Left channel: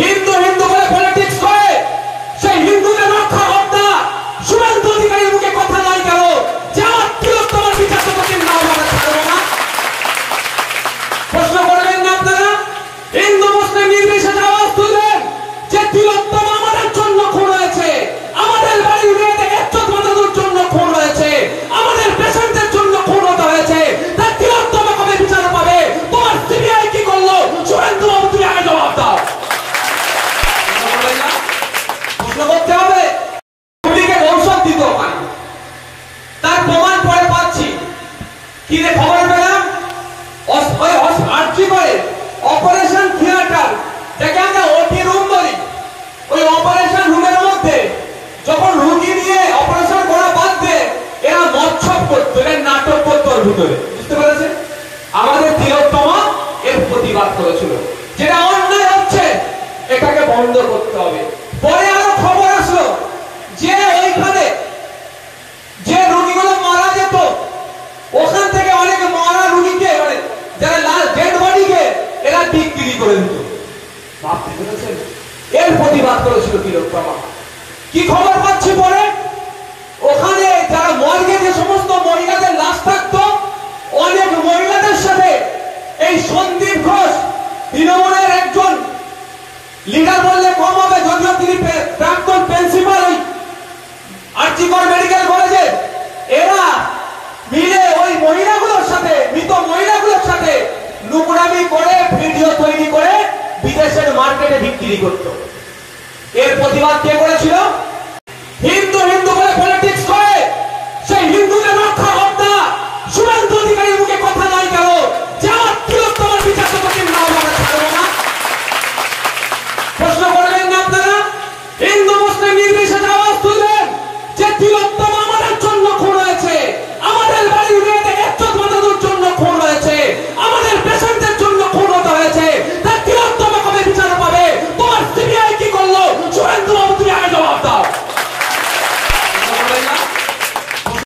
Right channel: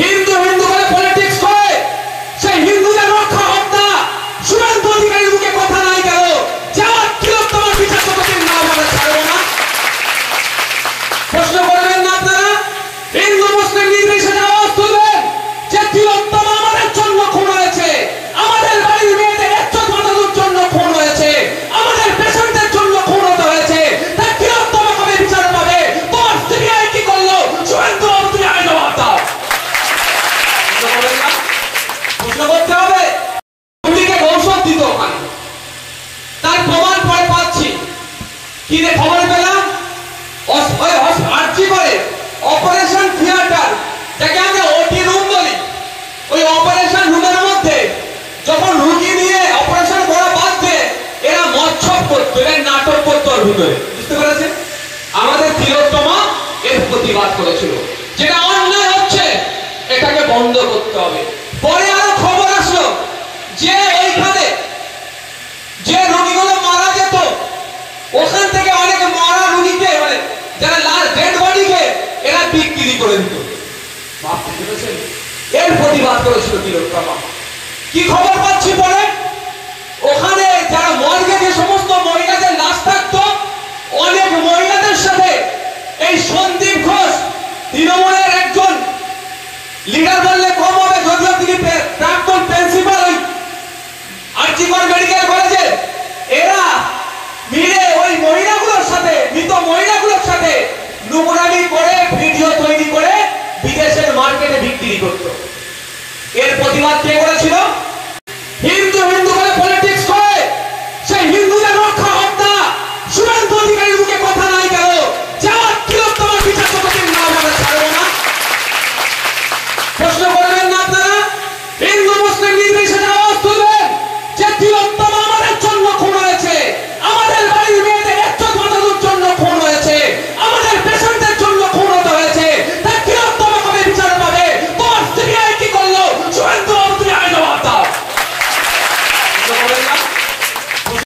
হিন্দু হিন্দু বলে পলিটিক্স করে সেই হিন্দুদের রক্ষা হত্যা শুভেন্দু অধিকারীর মুখে কথা নাই গেল যে আমার তিলোত্তমার বিচার যতদিন না হবে ছাড়বো না। প্রশ্ন করবেন না আপনারা? হিন্দু মুসলিম নির্বিশেষে আওয়াজ তুলবেন যে তিলোত্তমা আমাদের জন্য খুন হয়েছে, আমাদের বাড়ির মেয়েদের ইজ্জত বাঁচানোর জন্য খুন হয়েছে, আমাদের পেশেন্টদের জন্য খুন হতে হয়েছে। তাই তিলোত্তমা কবে বিচার পাবে? তোমার সিবিআই কি করলো? শুভেন্দু বাবু তুমি আগে জবাব দাও। প্রশ্ন করতে হবে। পুলিশকে ঔষধ দিত ওখানে, তার প্রমাণ পরে পাচ্ছি। কি রে খবর পেলাম? আর্জি করে অপারেশন থিয়েটার, যাকে আমরা ওটি রুম বলি, ওই অপারেশন রুমের মধ্যে যখন রোগী নিয়ে অপারেশন করা বাদবে এরা মৎসব করতো, এরা নাটক করতো ওর ভিতরে। বুঝতে পেরেছেন? আমাদের তিলোত্তমা এর প্রতিবাদ করেছিল, যেটা অন্যায় হচ্ছে এটাকে বন্ধ করতে হবে। পরে আরো খবর আসলো যে ওইখানে যে রোগীগুলো মারা যেত ওখান থেকে অনেক মারা রোগীকে মানে যারা লাস্ট ডেড বডিকে এরা বিক্রি করে দিত। ভাবতে পেরেছেন? এর প্রতিবাদ করেছিল তিলোত্তমা। কি খবর পাচ্ছি পরে? ওখানে যারা মর্গে যে সমস্ত মহিলাদের লাশ থাকতো অনেক মহিলাদের সাথে এই সন্দীপ ঘোষ তৃণমূলের একজন লিডার বললে কম হবে, যদিও তিনি প্রাক্তন প্রিন্সিপাল ওই আরজিকর মেডিকেল কলেজে, এরা মিলে ওই মহিলাগুলোর সাথে মৃত মহিলাগুলোর সাথে নোংরামি করে ভিডিও তৈরি করে বিদেশের মার্কেটে বিক্রি করত। এর প্রতিবাদ কে করেছিল?